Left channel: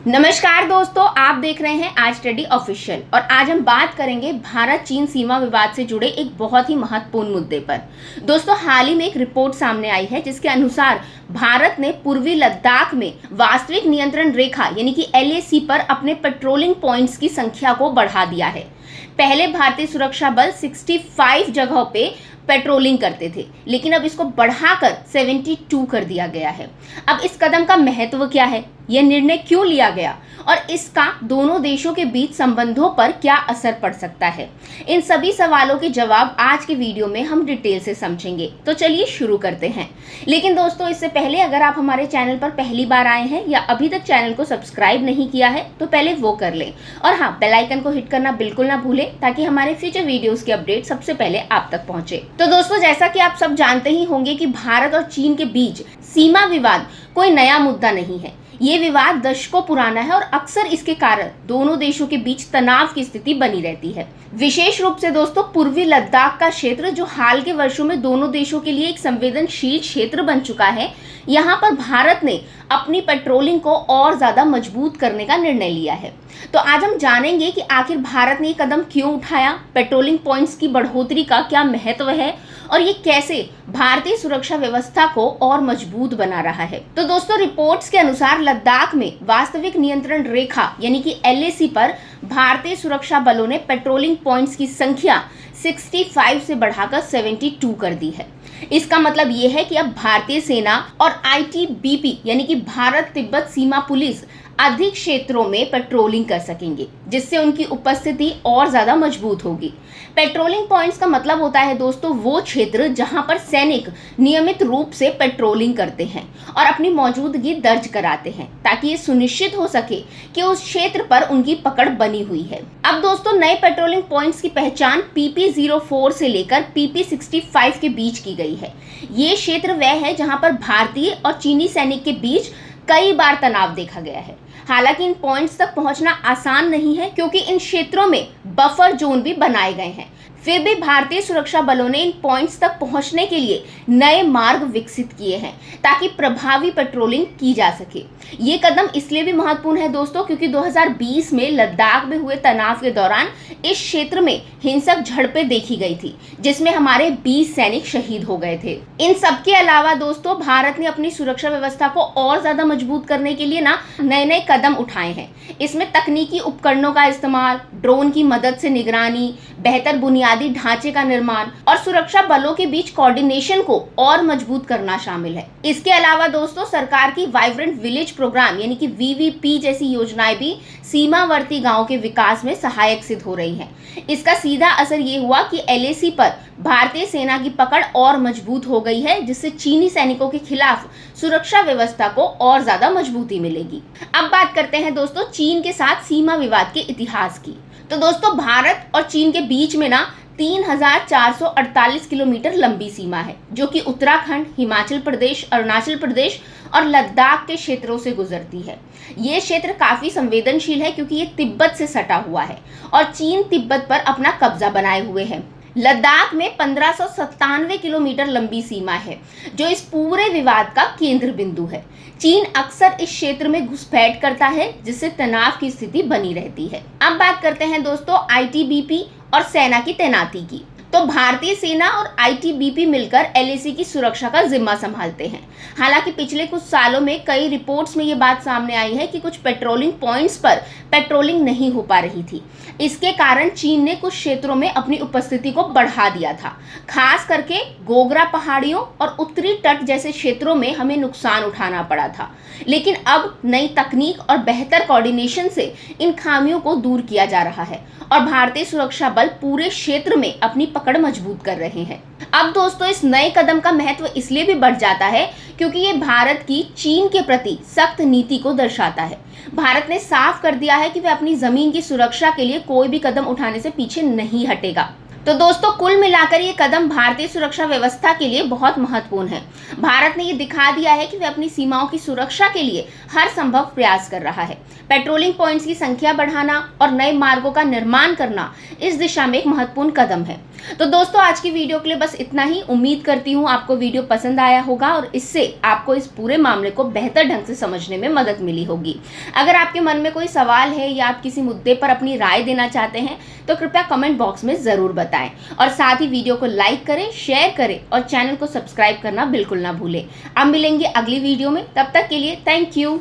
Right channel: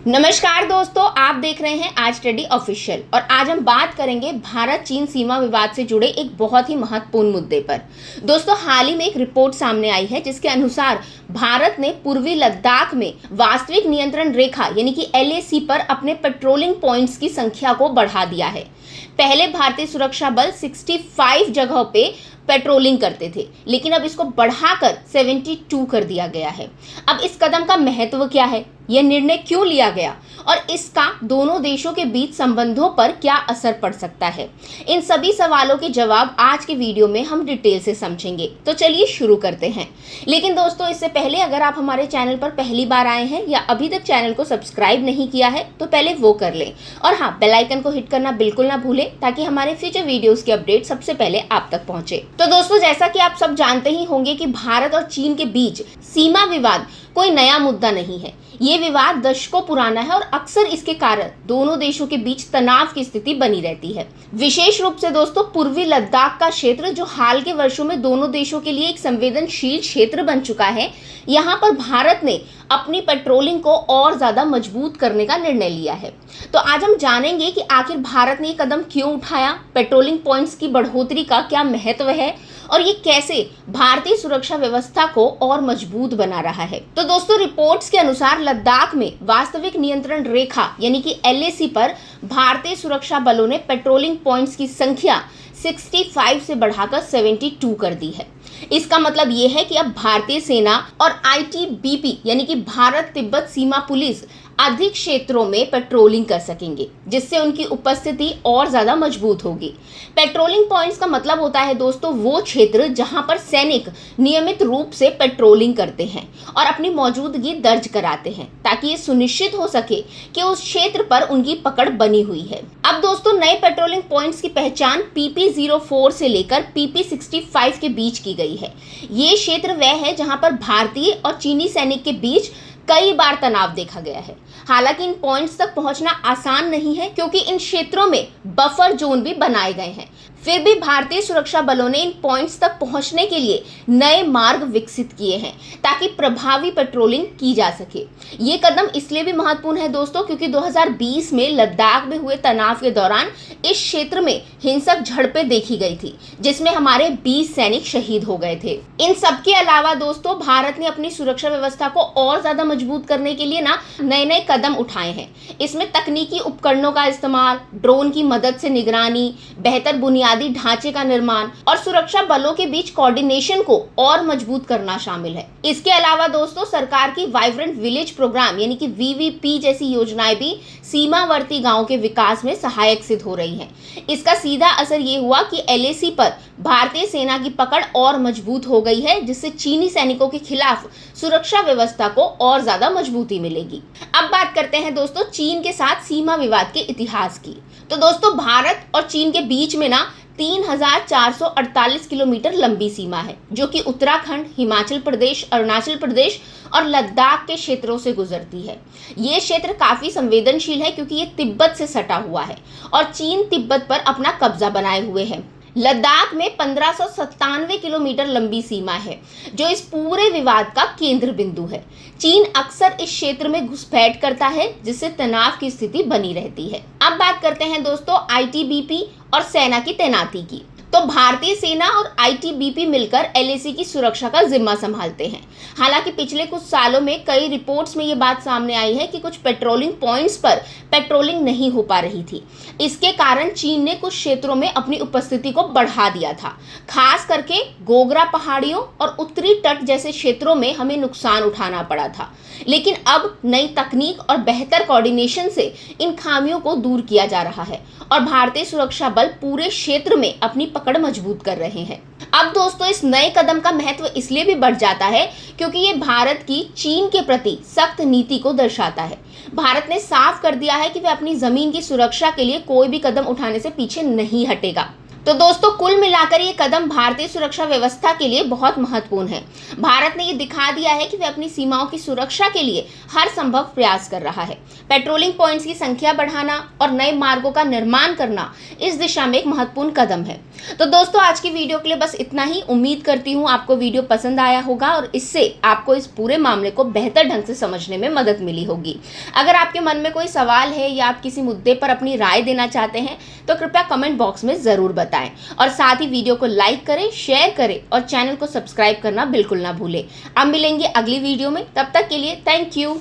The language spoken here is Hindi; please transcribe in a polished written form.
नमस्कार दोस्तों, आप देख रहे हैं आज स्टडी ऑफिशियल और आज हम बात करेंगे भारत चीन सीमा विवाद से जुड़े एक बहुत ही महत्वपूर्ण मुद्दे पर। दोस्तों, हाल ही में एक रिपोर्ट सामने आई है जिसके अनुसार भारत ने पूर्वी लद्दाख में वास्तविक नियंत्रण रेखा यानी कि LAC पर अपने पेट्रोलिंग पॉइंट्स की संख्या को बढ़ा दिया है। पहले भारतीय सुरक्षा बल 65 जगहों पे पेट्रोलिंग करते थे, लेकिन अब इसको बढ़ाकर 72 कर दिया गया है। अब इस कदम का महत्व क्या है, यह निर्णय क्यों लिया गया और इसका दोनों देशों के बीच संबंधों पर क्या असर पड़ सकता है, इन सभी सवालों के जवाब आज के वीडियो में हम डिटेल से समझेंगे। तो चलिए शुरू करते हैं। लेकिन दोस्तों, इससे पहले अगर आप हमारे चैनल पर पहली बार आए हैं या अभी तक चैनल को सब्सक्राइब नहीं किया है तो पहले वो कर लें और हाँ, बेल आइकन को हिट करना बिल्कुल ना भूलें ताकि हमारे फ्यूचर वीडियोस की अपडेट सबसे पहले आप तक पहुंचे। तो दोस्तों, जैसा कि आप सब जानते ही होंगे कि भारत और चीन के बीच सीमा विवाद कोई नया मुद्दा नहीं है। ये विवाद दशकों पुराना है और अक्सर इसके कारण दोनों देशों के बीच तनाव की स्थिति बनी रहती है। विशेष रूप से दोस्तों, पूर्वी लद्दाख का क्षेत्र जो हाल के वर्षों में दोनों देशों के लिए एक संवेदनशील क्षेत्र बन चुका है, यहाँ पर भारत ने अपनी पेट्रोलिंग को और ज्यादा मजबूत करने का निर्णय लिया है। तो आज हम जानेंगे कि आखिर भारत ने ये कदम क्यों उठाया, पेट्रोलिंग पॉइंट्स की बढ़ोतरी का क्या महत्व है और ये कैसे भारतीय सुरक्षा व्यवस्था को और मजबूत बना रहा है। तो दोस्तों, रिपोर्ट्स के अनुसार लद्दाख में वास्तविक नियंत्रण रेखा यानी कि LAC पर भारतीय सुरक्षा बलों ने पेट्रोलिंग पॉइंट्स की संख्या 65 से बढ़ाकर 72 कर दी है। इसका मतलब ये है कि अब भारतीय सेना और ITBP यानी कि भारत तिब्बत सीमा पुलिस अधिक क्षेत्रों में पेट्रोलिंग कर सकेंगे, जिससे उनकी उपस्थिति और ज्यादा मजबूत होगी। पेट्रोलिंग पॉइंट्स का मतलब होता है दोस्तों वो क्षेत्र जहां पर सैनिक नियमित रूप से पेट्रोलिंग करते हैं और अपनी मौजूदगी दर्ज कराते हैं, ताकि ये सुनिश्चित हो सके कि उस क्षेत्र पर उनकी पकड़ बनी हुई है। अब दोस्तों, नए पेट्रोलिंग पॉइंट्स की पहचान PP04 से लेकर PP65 के बीच की गई है। ये क्षेत्र वह है जहां पर भारतीय और चीनी सैनिक के बीच कई बार तनाव देखा गया है। हालांकि इन पॉइंट्स तक पहुंचना आसान नहीं है क्योंकि इन क्षेत्रों में बफर जोन भी बनाए गए हैं। फिर भी भारतीय सुरक्षा बलों ने इन पॉइंट्स तक पहुंचने के लिए नए मार्ग विकसित किए हैं ताकि प्रभावी पेट्रोलिंग की जा सके। ये कदम इसलिए भी महत्वपूर्ण है दोस्तों क्योंकि 2020 में लद्दाख में हुए तनाव के दौरान इस क्षेत्र में हिंसक झड़पें देखी गई थी, जिसमें हमारे 20 सैनिक शहीद हो गए थे। इन सब के अलावा दोस्तों, भारत ने अपनी सुरक्षा व्यवस्था को और ज्यादा मजबूत करने के लिए नए नए कदम उठाए हैं। इसमें तकनीकी उपकरणों का इस्तेमाल, ड्रोन की मदद से निगरानी, बेहतर बुनियादी ढांचे का निर्माण और सुरक्षा बलों के बीच कोऑर्डिनेशन को और मजबूत करना शामिल है। इसके अलावा दोस्तों, सरकार की वाइब्रेंट विलेज प्रोग्राम यानी कि VVP जैसी योजनाएं भी सीमावर्ती गांवों के विकास में सहायक सिद्ध हो रही हैं। इसका सीधा असर ये हुआ कि LAC पर भारतीय सेना की पकड़ और मजबूत हो गई है, जिससे चीनी सैनिकों के खिलाफ सुरक्षा व्यवस्था को और ज्यादा मजबूती मिलेगी। अब बात करते हैं दोस्तों चीन के साथ सीमा विवाद के इतिहास की। तो दोस्तों, भारत और चीन के बीच में 3448 किलोमीटर लंबी सीमा है, जो कि उत्तराखंड, हिमाचल प्रदेश, अरुणाचल प्रदेश और लद्दाख के क्षेत्रों से गुजरती है। ये क्षेत्र काफी संवेदनशील है क्योंकि ये तिब्बत से सटा हुआ है और चीन तिब्बत पर अपना कब्जा बनाए हुए है। लद्दाख में 1597 किलोमीटर लंबी सीमा है, जो इस पूरे विवाद का केंद्र बिंदु है। चीन अक्सर इस क्षेत्र में घुसपैठ करता है, जिससे तनाव की स्थिति बनी रहती है। अब बात करते हैं दोस्तों ITBP और सेना की तैनाती की। तो भारतीय सेना और ITBP मिलकर LAC की सुरक्षा का जिम्मा संभालते हैं। हालांकि पिछले कुछ सालों में कई रिपोर्ट्स में ये बात सामने आई है कि कुछ पेट्रोलिंग पॉइंट्स पर पेट्रोलिंग नहीं हो पा रही थी। इसके कारण चीन ने कुछ क्षेत्रों में अपनी उपस्थिति को बढ़ा दिया था। खास करके गोगरा पहाड़ियों और उत्तरी तट जैसे क्षेत्रों में हमें नुकसान उठाना पड़ा था। लेकिन अब नई तकनीक और बेहतर कोऑर्डिनेशन से इन खामियों को दूर किया जा रहा है और भारतीय सुरक्षा बल पूरे क्षेत्र में अपनी पकड़ मजबूत कर रहे हैं। अब दोस्तों, इस नए कदम का महत्व इसलिए भी बढ़ जाता है क्योंकि ये भारत की चीन के प्रति सख्त नीति को दर्शाता है। भारत ने साफ कर दिया है कि वह अपनी जमीन की सुरक्षा के लिए कोई भी कदम उठाने से पीछे नहीं हटेगा। तो दोस्तों कुल मिलाकर ये कदम भारतीय सुरक्षा व्यवस्था के लिए बहुत महत्वपूर्ण है। भारत ने ये दिखा दिया है कि वह अपनी सीमाओं की सुरक्षा के लिए हर संभव प्रयास कर रहा है। पेट्रोलिंग पॉइंट्स की संख्या बढ़ाना और नए मार्गों का निर्माण करना इस दिशा में एक महत्वपूर्ण कदम है। तो दोस्तों आज की वीडियो के लिए बस इतना ही। उम्मीद करती हूँ आपको वीडियो पसंद आया होगा और इससे आपको इस पूरे मामले को बेहतर ढंग से समझने में मदद मिली होगी। अगर आपके मन में कोई सवाल है या आप किसी मुद्दे पर अपनी राय देना चाहते हैं तो कृपया कमेंट बॉक्स में जरूर बताएं और साथ ही वीडियो को लाइक करें, शेयर करें और चैनल को सब्सक्राइब करना बिल्कुल ना भूलें। अब मिलेंगे अगली वीडियो में, तब तक के लिए थैंक यू।